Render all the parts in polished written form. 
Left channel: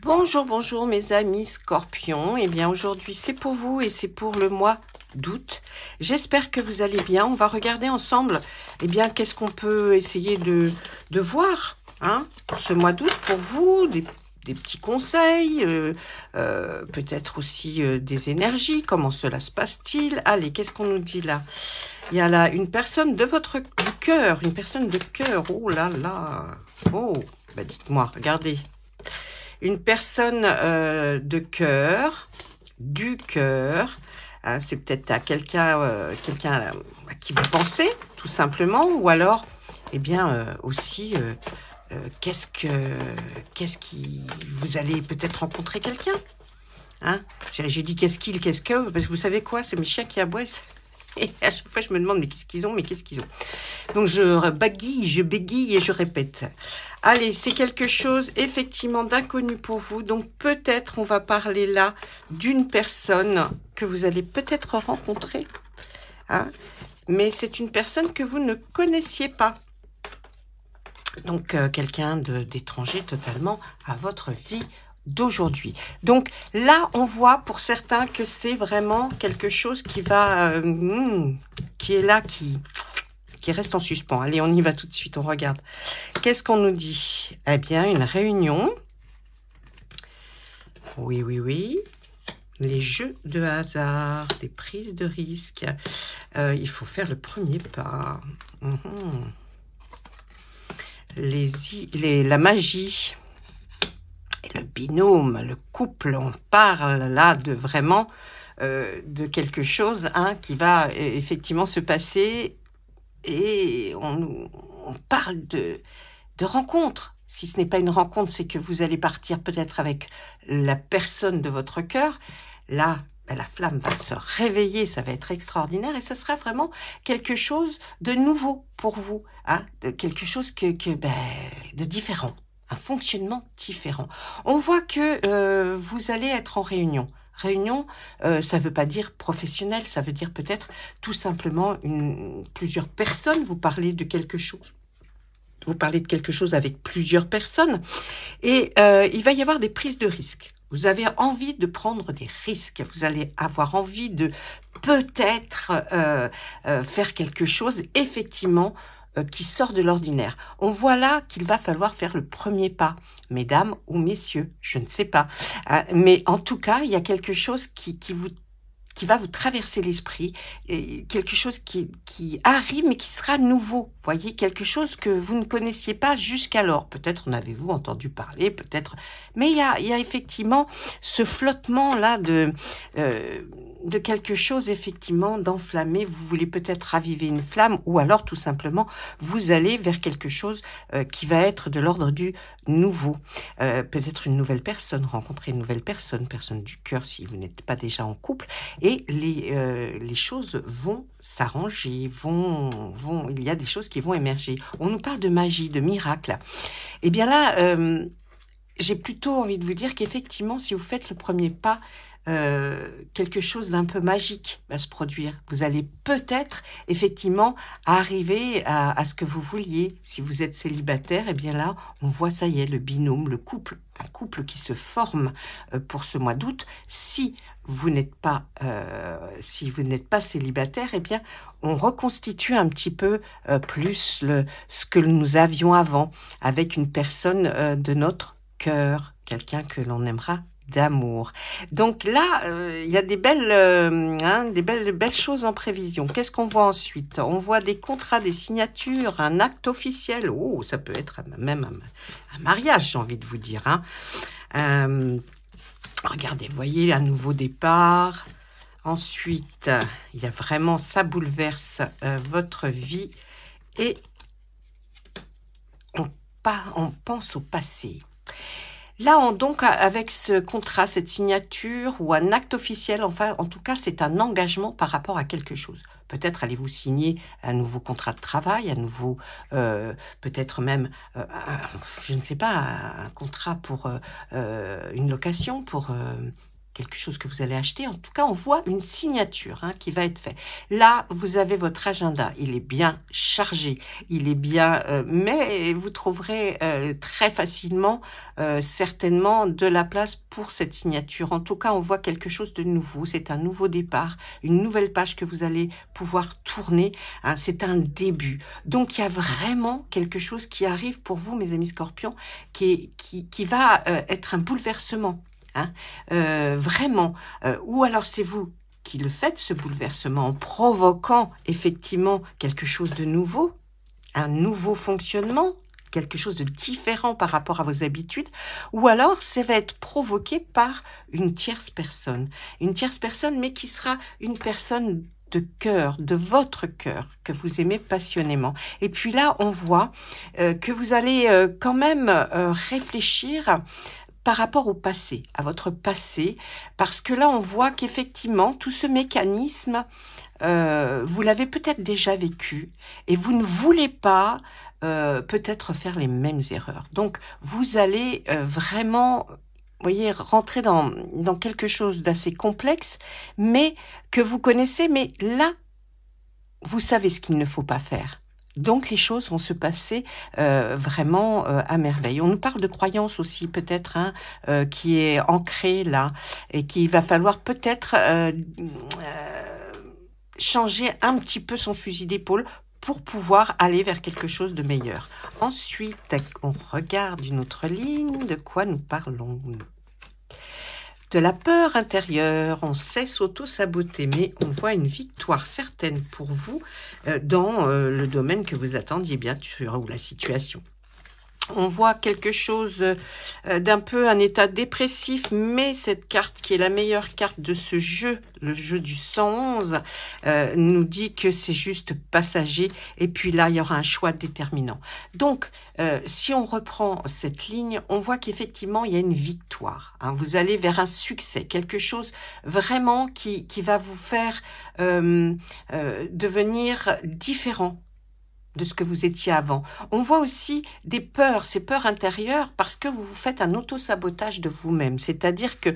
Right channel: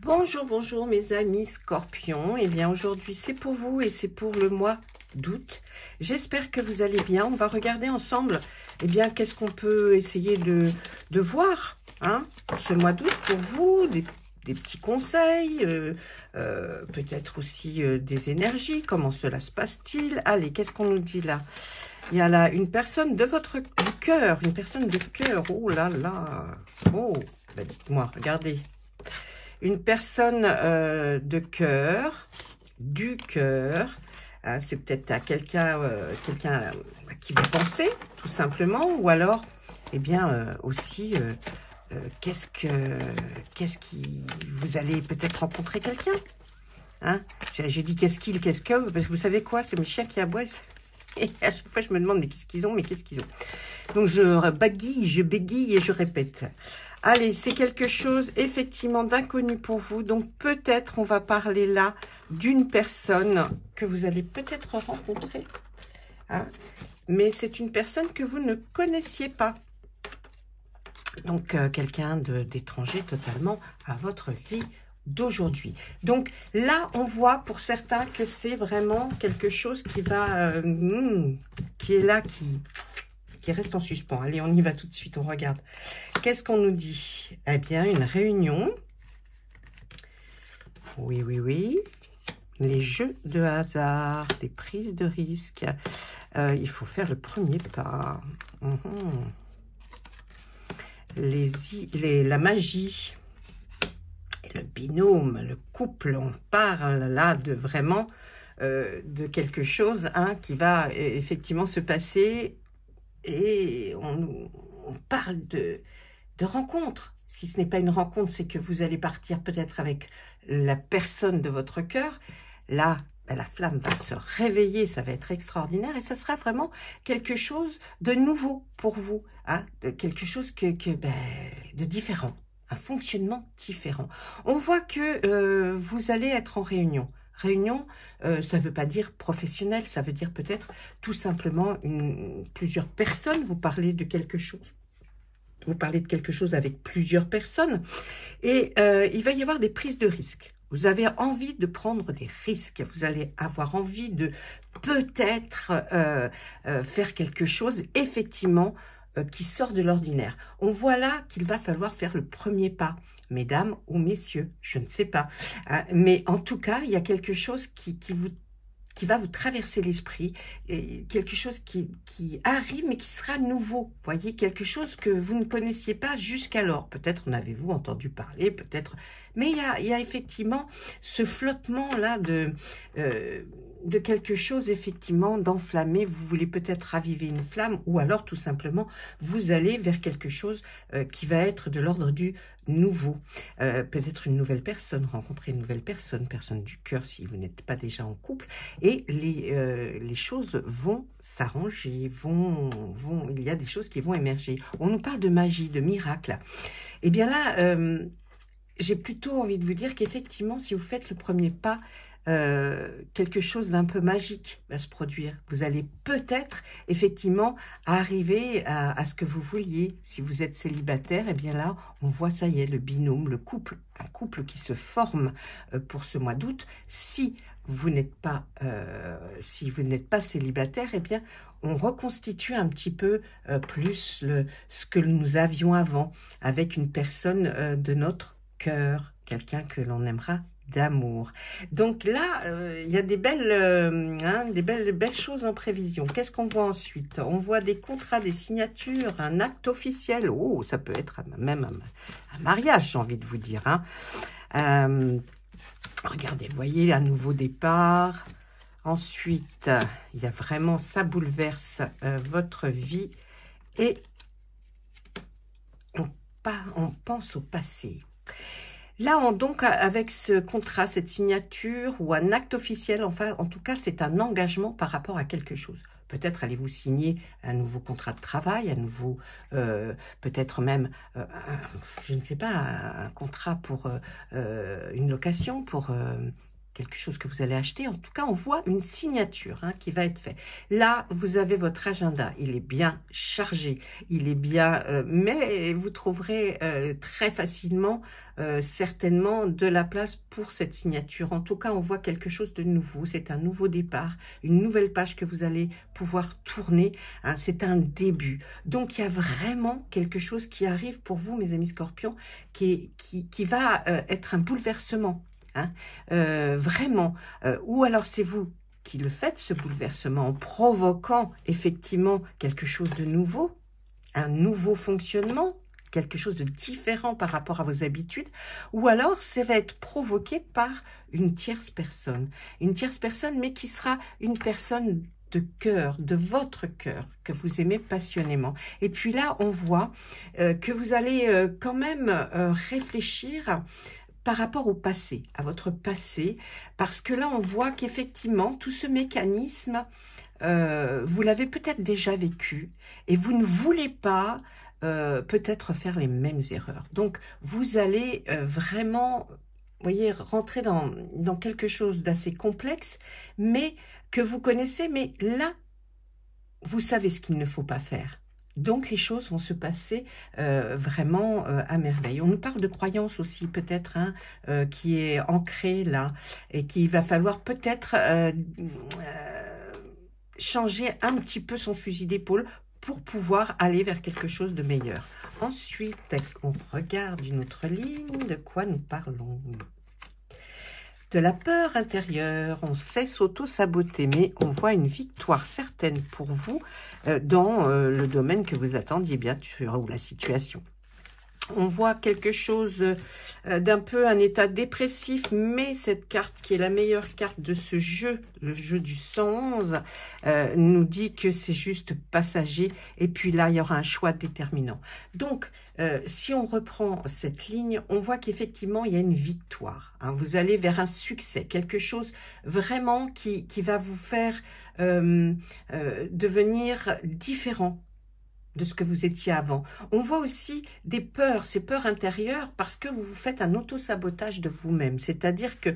Bonjour, bonjour mes amis scorpions. Eh bien aujourd'hui c'est pour vous et c'est pour le mois d'août. J'espère que vous allez bien. On va regarder ensemble qu'est-ce qu'on peut essayer de voir pour ce mois d'août pour vous, des petits conseils, peut-être aussi des énergies. Comment cela se passe-t-il? Allez, qu'est-ce qu'on nous dit là? Il y a là une personne du cœur, une personne de cœur. Oh là là. Oh, bah dites-moi, regardez. Une personne de cœur, du cœur, c'est peut-être à quelqu'un à qui vous pensez, tout simplement, ou alors, aussi, qu'est-ce qui, vous allez peut-être rencontrer quelqu'un, hein? J'ai dit qu'est-ce que, parce que vous savez quoi, c'est mes chiens qui aboient, et à chaque fois je me demande, mais qu'est-ce qu'ils ont, Donc je bégaye et je répète. Allez, c'est quelque chose effectivement d'inconnu pour vous. Donc peut-être on va parler là d'une personne que vous allez peut-être rencontrer. Mais c'est une personne que vous ne connaissiez pas. Donc quelqu'un d'étranger totalement à votre vie d'aujourd'hui. Donc là, on voit pour certains que c'est vraiment quelque chose qui va, qui est là, qui reste en suspens. Allez, on y va tout de suite, on regarde. Qu'est-ce qu'on nous dit? Eh bien, une réunion. Oui, oui, oui. Les jeux de hasard, des prises de risques. Il faut faire le premier pas. La magie. Et le binôme, le couple, on parle là de vraiment de quelque chose qui va effectivement se passer. Et on parle de rencontre. Si ce n'est pas une rencontre, c'est que vous allez partir peut-être avec la personne de votre cœur. Là, la flamme va se réveiller, ça va être extraordinaire et ça sera vraiment quelque chose de nouveau pour vous, de quelque chose de différent, un fonctionnement différent. On voit que vous allez être en réunion. Réunion, ça ne veut pas dire professionnel, ça veut dire peut-être tout simplement plusieurs personnes. Vous parlez de quelque chose. Vous parlez de quelque chose avec plusieurs personnes et il va y avoir des prises de risques. Vous avez envie de prendre des risques. Vous allez avoir envie de peut-être faire quelque chose effectivement qui sort de l'ordinaire. On voit là qu'il va falloir faire le premier pas, mesdames ou messieurs, je ne sais pas. Mais en tout cas, il y a quelque chose qui va vous traverser l'esprit, quelque chose qui arrive mais qui sera nouveau, voyez, quelque chose que vous ne connaissiez pas jusqu'alors. Peut-être en avez-vous entendu parler, peut-être, mais il y a effectivement ce flottement-là de quelque chose effectivement d'enflammé. Vous voulez peut-être raviver une flamme ou alors tout simplement vous allez vers quelque chose qui va être de l'ordre du nouveau. Peut-être une nouvelle personne, rencontrer une nouvelle personne du cœur si vous n'êtes pas déjà en couple. Et les choses vont s'arranger, il y a des choses qui vont émerger. On nous parle de magie, de miracle. Eh bien là, j'ai plutôt envie de vous dire qu'effectivement, si vous faites le premier pas, quelque chose d'un peu magique va se produire. Vous allez peut-être effectivement arriver à ce que vous vouliez. Si vous êtes célibataire, eh bien là, on voit, ça y est, le binôme, le couple, un couple qui se forme pour ce mois d'août. Si vous n'êtes pas célibataire, eh bien, on reconstitue un petit peu plus ce que nous avions avant avec une personne de notre cœur, quelqu'un que l'on aimera d'amour. Donc là, il y a des belles choses en prévision. Qu'est-ce qu'on voit ensuite? On voit des contrats, des signatures, un acte officiel. Oh, ça peut être même un mariage, j'ai envie de vous dire. Regardez, vous voyez, un nouveau départ. Ensuite, il y a vraiment, ça bouleverse votre vie. Et on pense au passé. Là, donc, avec ce contrat, cette signature ou un acte officiel, enfin, en tout cas, c'est un engagement par rapport à quelque chose. Peut-être allez-vous signer un nouveau contrat de travail, un nouveau, peut-être même, je ne sais pas, un contrat pour une location, pour quelque chose que vous allez acheter. En tout cas, on voit une signature qui va être faite. Là, vous avez votre agenda. Il est bien chargé. Il est bien... mais vous trouverez très facilement, certainement, de la place pour cette signature. En tout cas, on voit quelque chose de nouveau. C'est un nouveau départ, une nouvelle page que vous allez pouvoir tourner. C'est un début. Donc, il y a vraiment quelque chose qui arrive pour vous, mes amis Scorpions, qui va être un bouleversement. Vraiment, ou alors c'est vous qui le faites, ce bouleversement, en provoquant effectivement quelque chose de nouveau, un nouveau fonctionnement, quelque chose de différent par rapport à vos habitudes, ou alors ça va être provoqué par une tierce personne, mais qui sera une personne de cœur, de votre cœur, que vous aimez passionnément. Et puis là, on voit que vous allez quand même réfléchir par rapport au passé, à votre passé, parce que là, on voit qu'effectivement, tout ce mécanisme, vous l'avez peut-être déjà vécu, et vous ne voulez pas peut-être faire les mêmes erreurs. Donc, vous allez vraiment, vous voyez, rentrer dans quelque chose d'assez complexe, mais que vous connaissez, mais là, vous savez ce qu'il ne faut pas faire. Donc, les choses vont se passer vraiment à merveille. On nous parle de croyance aussi, peut-être, qui est ancrée là, et qu'il va falloir peut-être changer un petit peu son fusil d'épaule pour pouvoir aller vers quelque chose de meilleur. Ensuite, on regarde une autre ligne. De quoi nous parlons ? De la peur intérieure, on sait s'auto-saboter, mais on voit une victoire certaine pour vous dans le domaine que vous attendiez bien sûr, ou la situation. On voit quelque chose d'un peu un état dépressif, mais cette carte qui est la meilleure carte de ce jeu, le jeu du 111, nous dit que c'est juste passager, et puis là, il y aura un choix déterminant. Donc, si on reprend cette ligne, on voit qu'effectivement, il y a une victoire. Vous allez vers un succès, quelque chose vraiment qui va vous faire devenir différent de ce que vous étiez avant. On voit aussi des peurs, ces peurs intérieures, parce que vous vous faites un auto-sabotage de vous-même. C'est-à-dire que,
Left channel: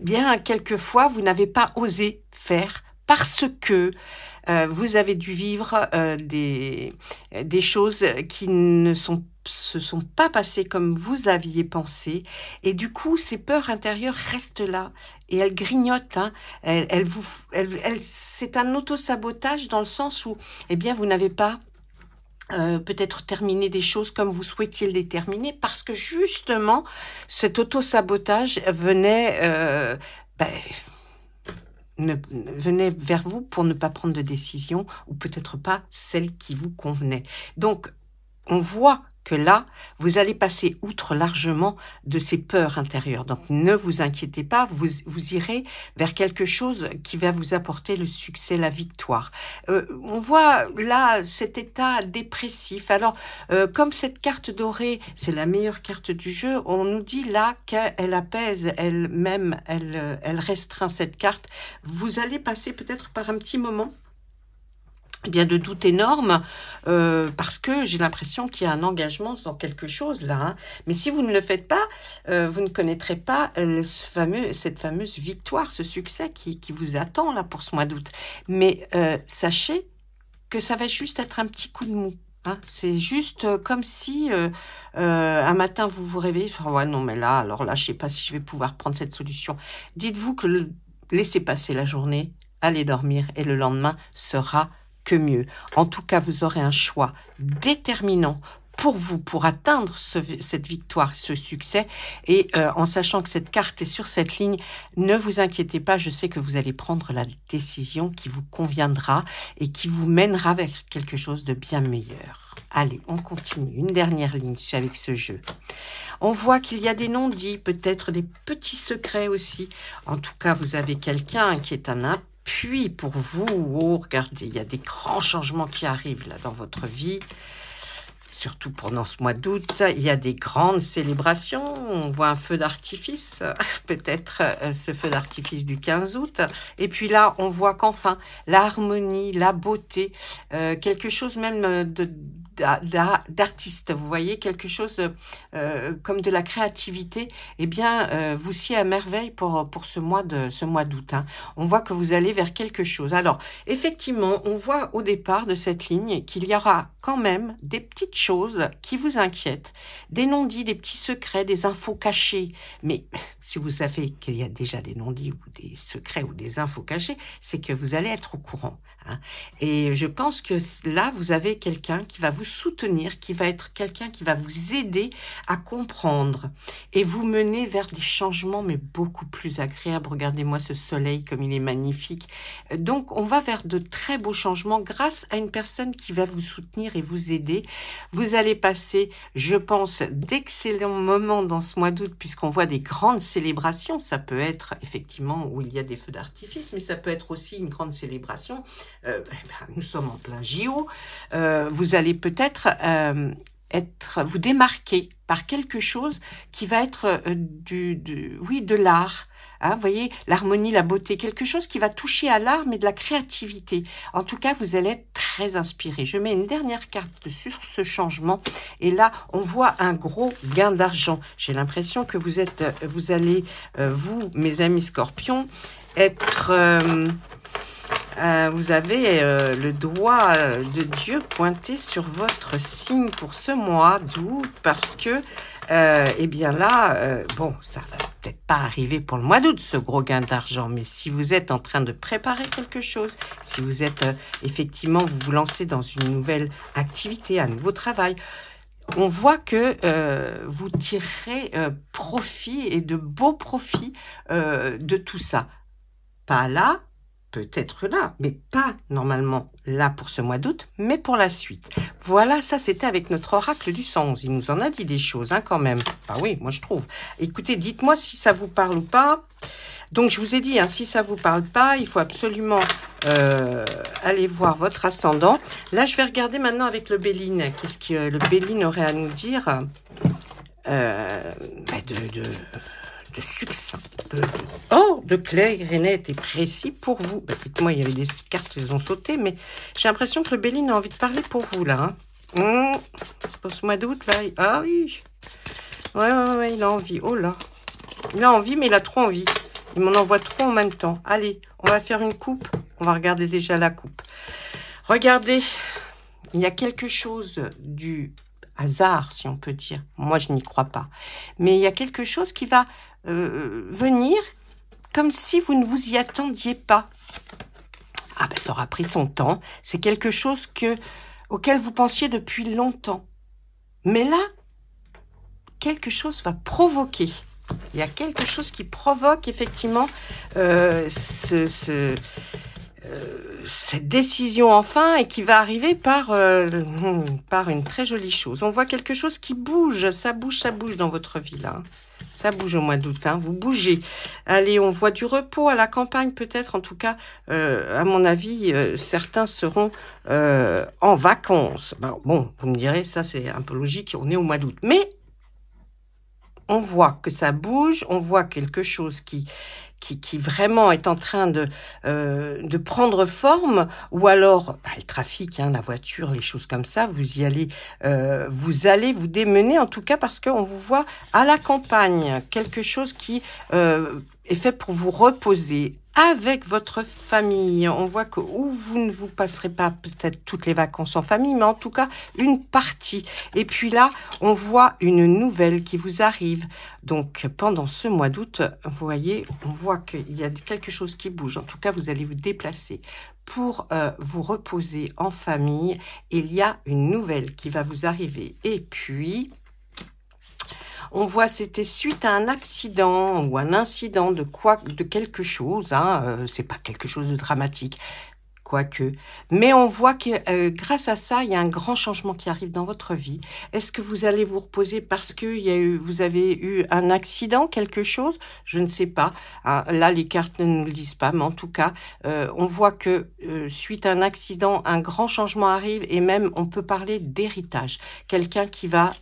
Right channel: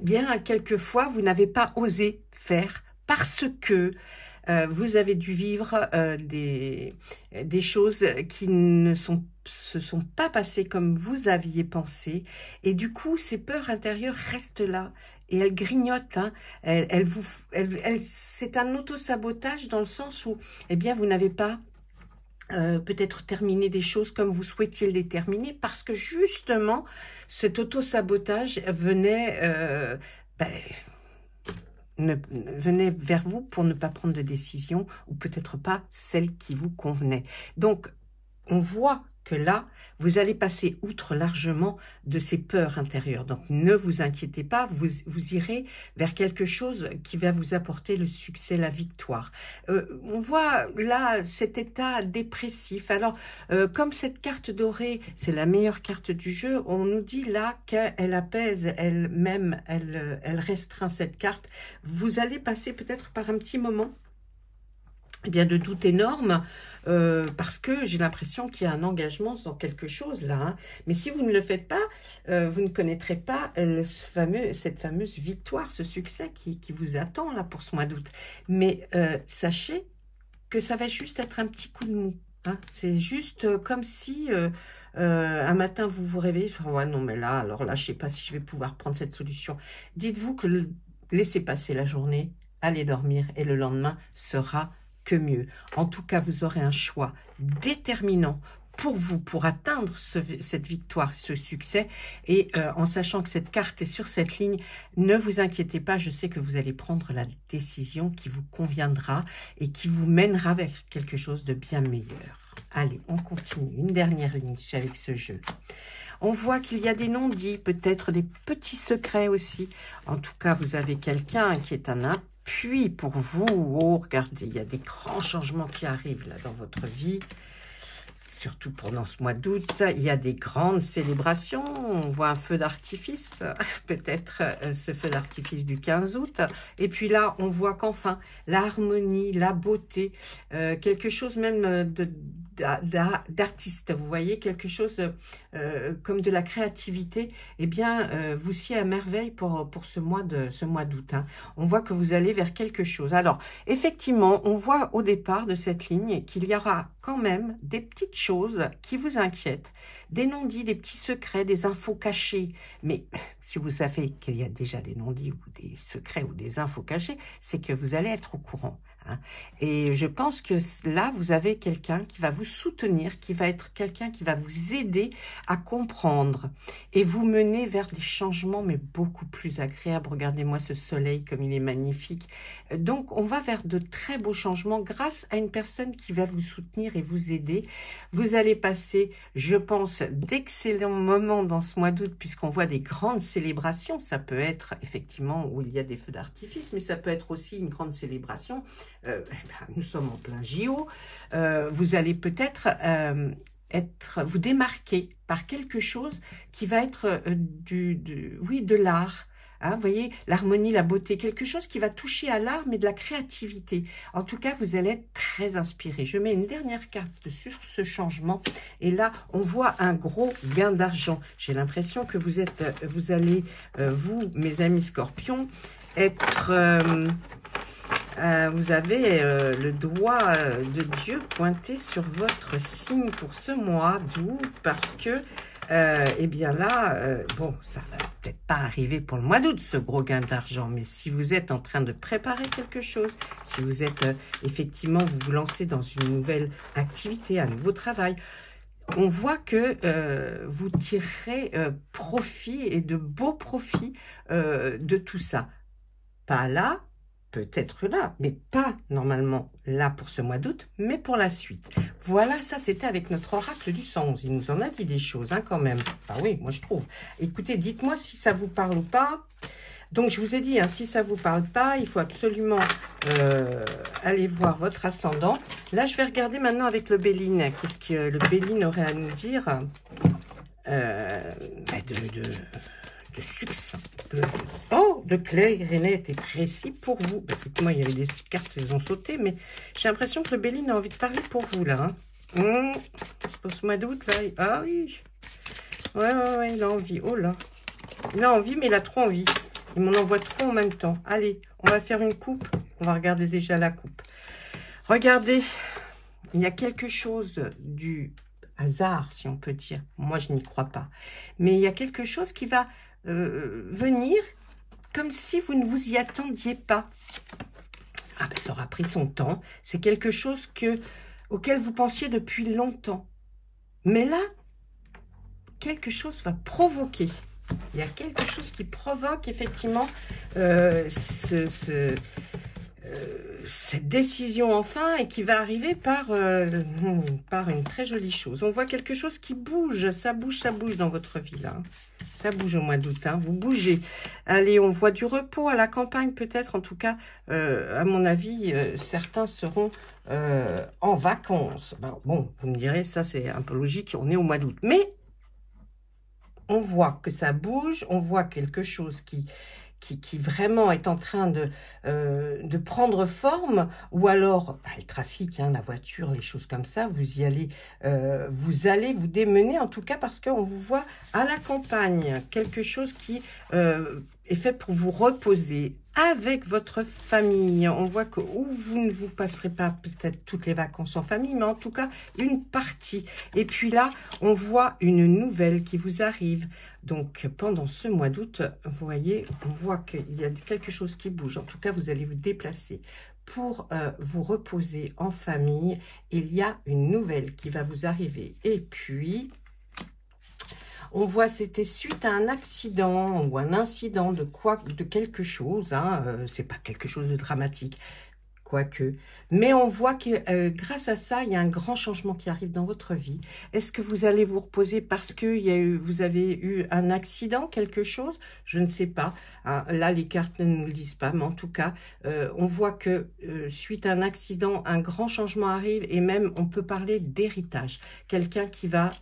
bien, quelquefois, vous n'avez pas osé faire parce que vous avez dû vivre des choses qui ne se sont pas passées comme vous aviez pensé. Et du coup, ces peurs intérieures restent là et elles grignotent. C'est un auto-sabotage dans le sens où, eh bien, vous n'avez pas peut-être terminer des choses comme vous souhaitiez les terminer parce que justement, cet auto-sabotage venait... venait vers vous pour ne pas prendre de décision ou peut-être pas celle qui vous convenait. Donc, on voit que là, vous allez passer outre largement de ces peurs intérieures. Donc, ne vous inquiétez pas, vous irez vers quelque chose qui va vous apporter le succès, la victoire. On voit là cet état dépressif. Alors, comme cette carte dorée, c'est la meilleure carte du jeu, on nous dit là qu'elle apaise elle-même, elle restreint cette carte. Vous allez passer peut-être par un petit moment de doute énorme, parce que j'ai l'impression qu'il y a un engagement dans quelque chose là. Mais si vous ne le faites pas, vous ne connaîtrez pas cette fameuse victoire, ce succès qui vous attend là pour ce mois d'août. Mais sachez que ça va juste être un petit coup de mou. C'est juste comme si un matin vous vous réveillez, ouais non mais là, alors là je sais pas si je vais pouvoir prendre cette solution. Dites-vous que laissez passer la journée, allez dormir et le lendemain sera que mieux. En tout cas, vous aurez un choix déterminant pour vous, pour atteindre cette victoire, ce succès. Et en sachant que cette carte est sur cette ligne, ne vous inquiétez pas, je sais que vous allez prendre la décision qui vous conviendra et qui vous mènera vers quelque chose de bien meilleur. Allez, on continue. Une dernière ligne avec ce jeu. On voit qu'il y a des non-dits, peut-être des petits secrets aussi. En tout cas, vous avez quelqu'un qui est un appui pour vous. Oh, regardez, il y a des grands changements qui arrivent là dans votre vie. Surtout pendant ce mois d'août, il y a des grandes célébrations. on voit un feu d'artifice, peut-être ce feu d'artifice du 15 août. Et puis là, on voit qu'enfin, l'harmonie, la beauté, quelque chose même d'artiste, vous voyez, quelque chose comme de la créativité, eh bien, vous sied à merveille pour ce mois d'août. Hein. On voit que vous allez vers quelque chose. Alors, effectivement, on voit au départ de cette ligne qu'il y aura quand même des petites choses qui vous inquiètent, des non-dits, des petits secrets, des infos cachées. Mais si vous savez qu'il y a déjà des non-dits ou des secrets ou des infos cachées, c'est que vous allez être au courant. Hein. Et je pense que là, vous avez quelqu'un qui va vous soutenir, qui va être quelqu'un qui va vous aider à comprendre et vous mener vers des changements, mais beaucoup plus agréables. Regardez-moi ce soleil comme il est magnifique. Donc, on va vers de très beaux changements grâce à une personne qui va vous soutenir et vous aider. Vous allez passer, je pense, d'excellents moments dans ce mois d'août puisqu'on voit des grandes célébrations. Ça peut être effectivement où il y a des feux d'artifice, mais ça peut être aussi une grande célébration. Nous sommes en plein JO. Vous allez peut-être vous démarquer par quelque chose qui va être de l'art. Hein, vous voyez, l'harmonie, la beauté, quelque chose qui va toucher à l'art, mais de la créativité. En tout cas, vous allez être très inspiré. Je mets une dernière carte sur ce changement. Et là, on voit un gros gain d'argent. J'ai l'impression que vous allez, vous, mes amis scorpions, être... vous avez le doigt de Dieu pointé sur votre signe pour ce mois d'août parce que, eh bien là, bon, ça va peut-être pas arriver pour le mois d'août, ce gros gain d'argent, mais si vous êtes en train de préparer quelque chose, si vous êtes effectivement, vous vous lancez dans une nouvelle activité, un nouveau travail, on voit que vous tirerez profit et de beaux profits de tout ça. Pas là, peut-être là, mais pas normalement là pour ce mois d'août, mais pour la suite. Voilà, ça c'était avec notre oracle du 111. Il nous en a dit des choses hein, quand même. Ah oui, moi je trouve. Écoutez, dites-moi si ça vous parle ou pas. Donc je vous ai dit, hein, si ça vous parle pas, il faut absolument aller voir votre ascendant. Là, je vais regarder maintenant avec le Béline. Qu'est-ce que le Béline aurait à nous dire de succinct, de clair, et net et précis pour vous. Bah, dites-moi, il y avait des cartes, elles ont sauté, mais j'ai l'impression que le Béline a envie de parler pour vous, là. Hein. Pour ce mois d'août, là. Ah oui. Ouais, il a envie. Oh là. Il a envie, mais il a trop envie. Il m'en envoie trop en même temps. Allez, on va faire une coupe. On va regarder déjà la coupe. Regardez, il y a quelque chose du hasard, si on peut dire. Moi, je n'y crois pas. Mais il y a quelque chose qui va venir comme si vous ne vous y attendiez pas. Ah ben, ça aura pris son temps. C'est quelque chose auquel vous pensiez depuis longtemps. Mais là, quelque chose va provoquer. Il y a quelque chose qui provoque effectivement cette décision enfin et qui va arriver par une très jolie chose. On voit quelque chose qui bouge, ça bouge dans votre vie là. Ça bouge au mois d'août, hein, vous bougez. Allez, on voit du repos à la campagne peut-être, en tout cas, à mon avis, certains seront en vacances. Bon, vous me direz, ça c'est un peu logique, on est au mois d'août. Mais on voit que ça bouge, on voit quelque chose qui vraiment est en train de prendre forme, ou alors le trafic, hein, la voiture, les choses comme ça, vous allez vous démener, en tout cas parce qu'on vous voit à la campagne, quelque chose qui est fait pour vous reposer avec votre famille. On voit que vous ne vous passerez pas peut-être toutes les vacances en famille, mais en tout cas une partie. Et puis là, on voit une nouvelle qui vous arrive. Donc pendant ce mois d'août, vous voyez, on voit qu'il y a quelque chose qui bouge. En tout cas, vous allez vous déplacer pour vous reposer en famille. Il y a une nouvelle qui va vous arriver. Et puis... on voit c'était suite à un accident ou un incident de quelque chose, hein, c'est pas quelque chose de dramatique. quoique. Mais on voit que grâce à ça, il y a un grand changement qui arrive dans votre vie. Est-ce que vous allez vous reposer parce que vous avez eu un accident, quelque chose? Je ne sais pas. Hein, là, les cartes ne nous le disent pas, mais en tout cas, on voit que suite à un accident, un grand changement arrive et même on peut parler d'héritage. Quelqu'un qui va,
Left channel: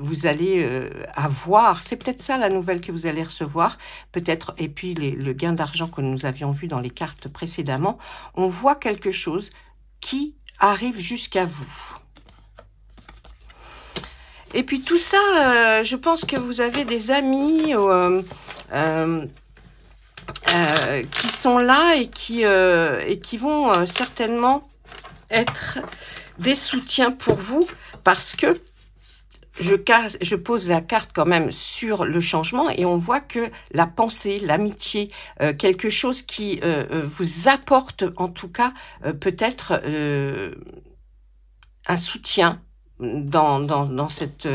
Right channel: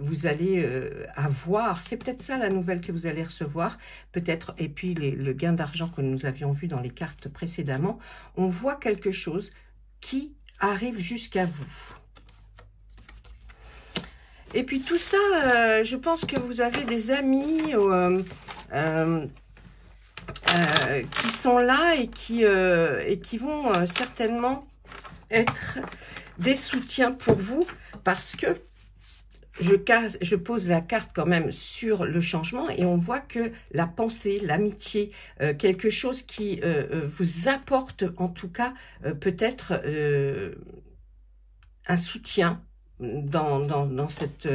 vous allez avoir, c'est peut-être ça la nouvelle que vous allez recevoir, peut-être, et puis le gain d'argent que nous avions vu dans les cartes précédemment, on voit quelque chose qui arrive jusqu'à vous. Et puis tout ça, je pense que vous avez des amis qui sont là et qui vont certainement être des soutiens pour vous, parce que je pose la carte quand même sur le changement et on voit que la pensée, l'amitié, quelque chose qui vous apporte en tout cas peut-être un soutien dans cette...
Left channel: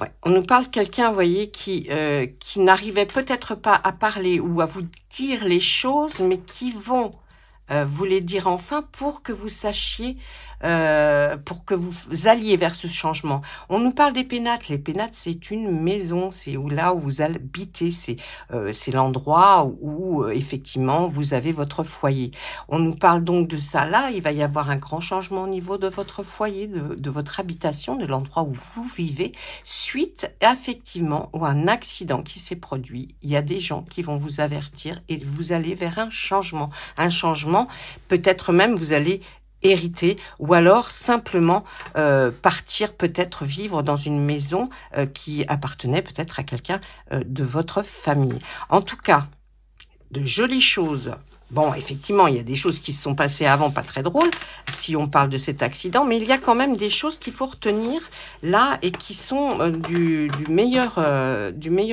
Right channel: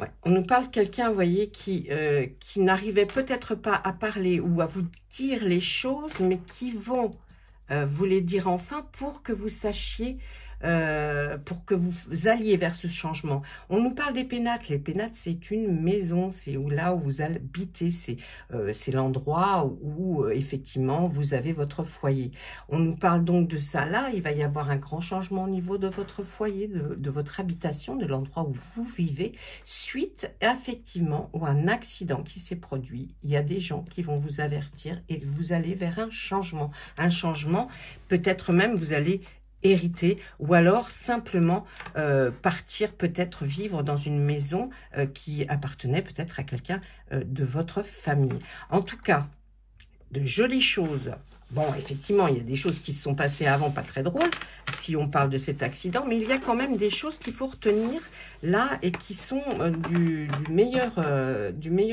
Ouais. On nous parle de quelqu'un, vous voyez, qui n'arrivait peut-être pas à parler ou à vous dire les choses, mais qui vont vous les dire enfin pour que vous sachiez, pour que vous alliez vers ce changement. On nous parle des pénates. Les pénates, c'est une maison, c'est là où vous habitez, c'est l'endroit où effectivement vous avez votre foyer. On nous parle donc de ça là, il va y avoir un grand changement au niveau de votre foyer, de votre habitation, de l'endroit où vous vivez, suite effectivement à un accident qui s'est produit. Il y a des gens qui vont vous avertir et vous allez vers un changement, peut-être même vous allez hériter ou alors simplement partir, peut-être vivre dans une maison qui appartenait peut-être à quelqu'un de votre famille. En tout cas, de jolies choses. Bon, effectivement, il y a des choses qui se sont passées avant, pas très drôles, si on parle de cet accident, mais il y a quand même des choses qu'il faut retenir là et qui sont du meilleur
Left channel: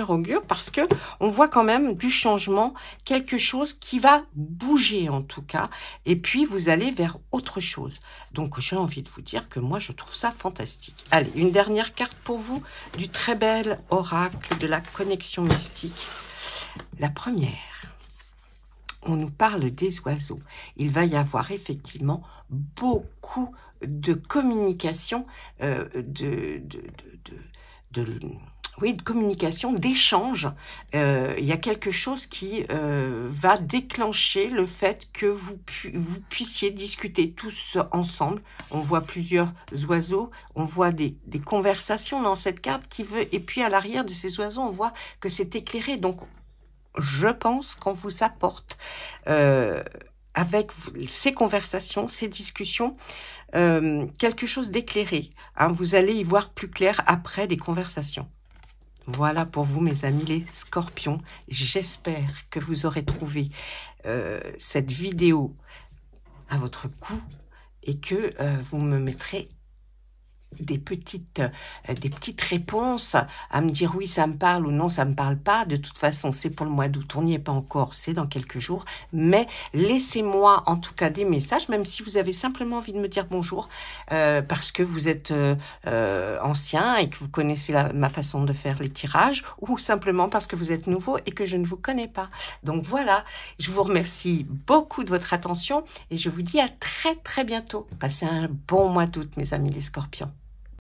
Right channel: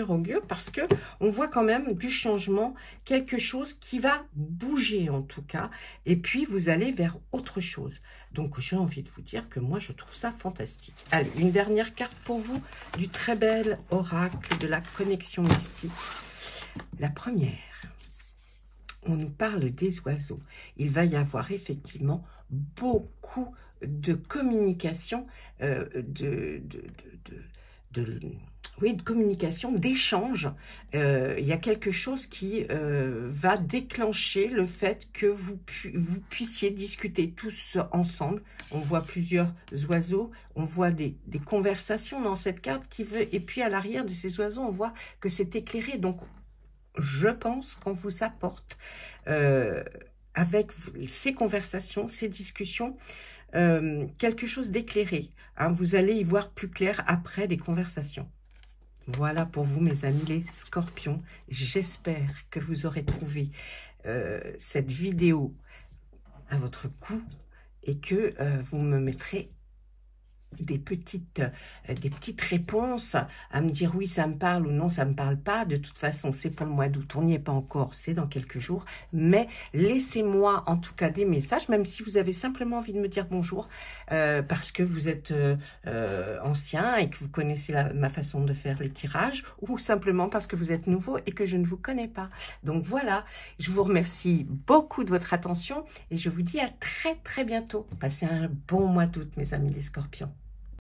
augure, parce que on voit quand même du changement, quelque chose qui va bouger en tout cas, et puis vous allez vers autre chose. Donc, j'ai envie de vous dire que moi, je trouve ça fantastique. Allez, une dernière carte pour vous, du très bel oracle de la connexion mystique. La première. On nous parle des oiseaux. Il va y avoir effectivement beaucoup de communication, de communication, d'échange. Il y a quelque chose qui va déclencher le fait que vous puissiez discuter tous ensemble. On voit plusieurs oiseaux, on voit des conversations dans cette carte qui veut, et puis à l'arrière de ces oiseaux, on voit que c'est éclairé. Donc, je pense qu'on vous apporte avec ces conversations, ces discussions, quelque chose d'éclairé. Hein, vous allez y voir plus clair après des conversations. Voilà pour vous, mes amis les scorpions. J'espère que vous aurez trouvé cette vidéo à votre goût et que vous me mettrez des petites réponses à me dire oui ça me parle ou non ça me parle pas. De toute façon c'est pour le mois d'août, on n'y est pas encore, c'est dans quelques jours, mais laissez-moi en tout cas des messages, même si vous avez simplement envie de me dire bonjour parce que vous êtes ancien et que vous connaissez ma façon de faire les tirages, ou simplement parce que vous êtes nouveau et que je ne vous connais pas. Donc voilà, je vous remercie beaucoup de votre attention et je vous dis à très très bientôt. Passez un bon mois d'août, mes amis les scorpions.